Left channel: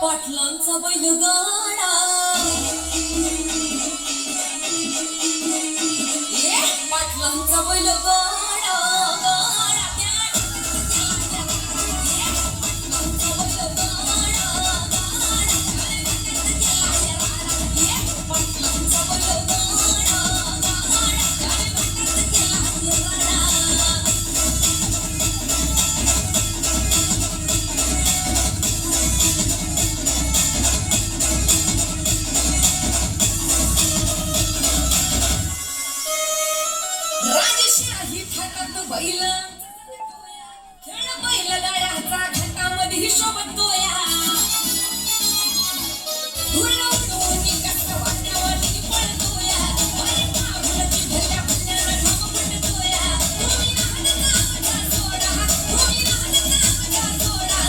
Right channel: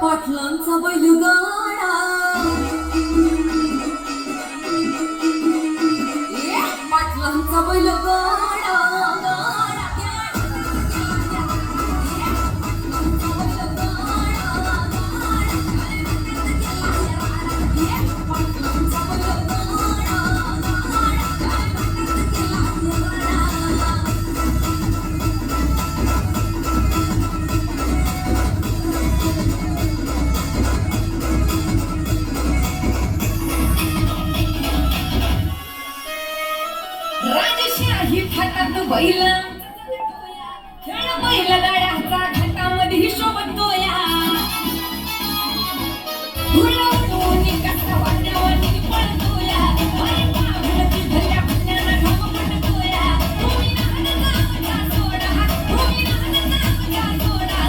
पाटलांचा बैलगाडा पाटलांचा बैलगाडा राजशाही थाटात बैल खेळ बैलगाड्याचा घाटामध्ये हिशोब तोया उडवून कसं वाट्यावरती पडतोया अरे बाहुलती भल्या भल्याला ढग पडतोया तुम्ही नाचता सोडा तुम्ही नाचता सोडा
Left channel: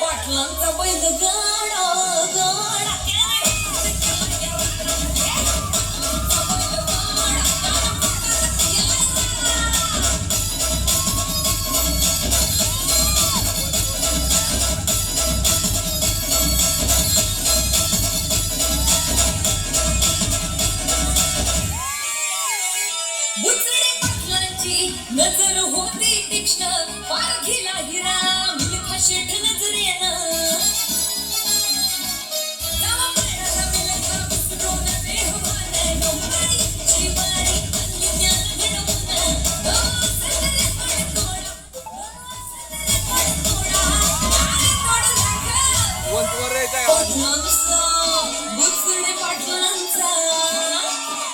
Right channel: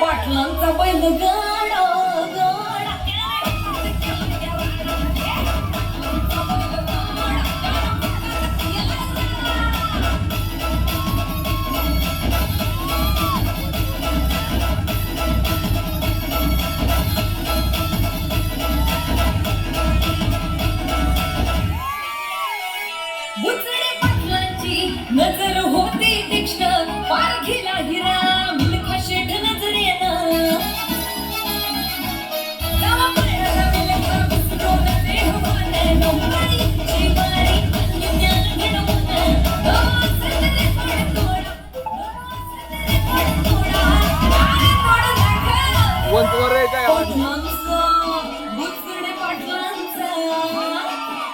पाटलांचा बैलगाडा नजर होती तीक्ष्ण पारखीला हिरा मिलखा शेठ नजरेनं गावा पायाला मिलखा डोल देहवानं नवरी शिवारी ज्ञान घडवून सतरे पाय थोडा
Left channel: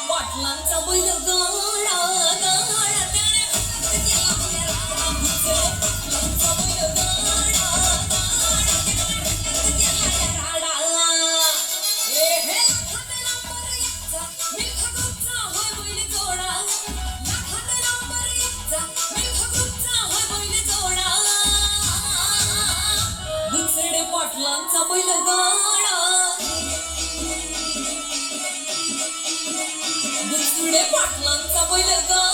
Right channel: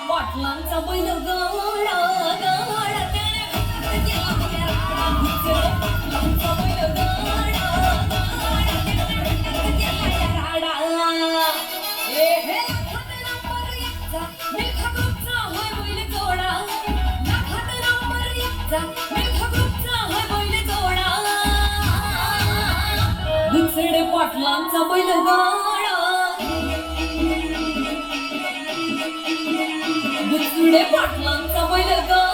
पाटलांचा बैलगाडा पाटलांचा बैलगाडा पाटलांचा बैलगाडा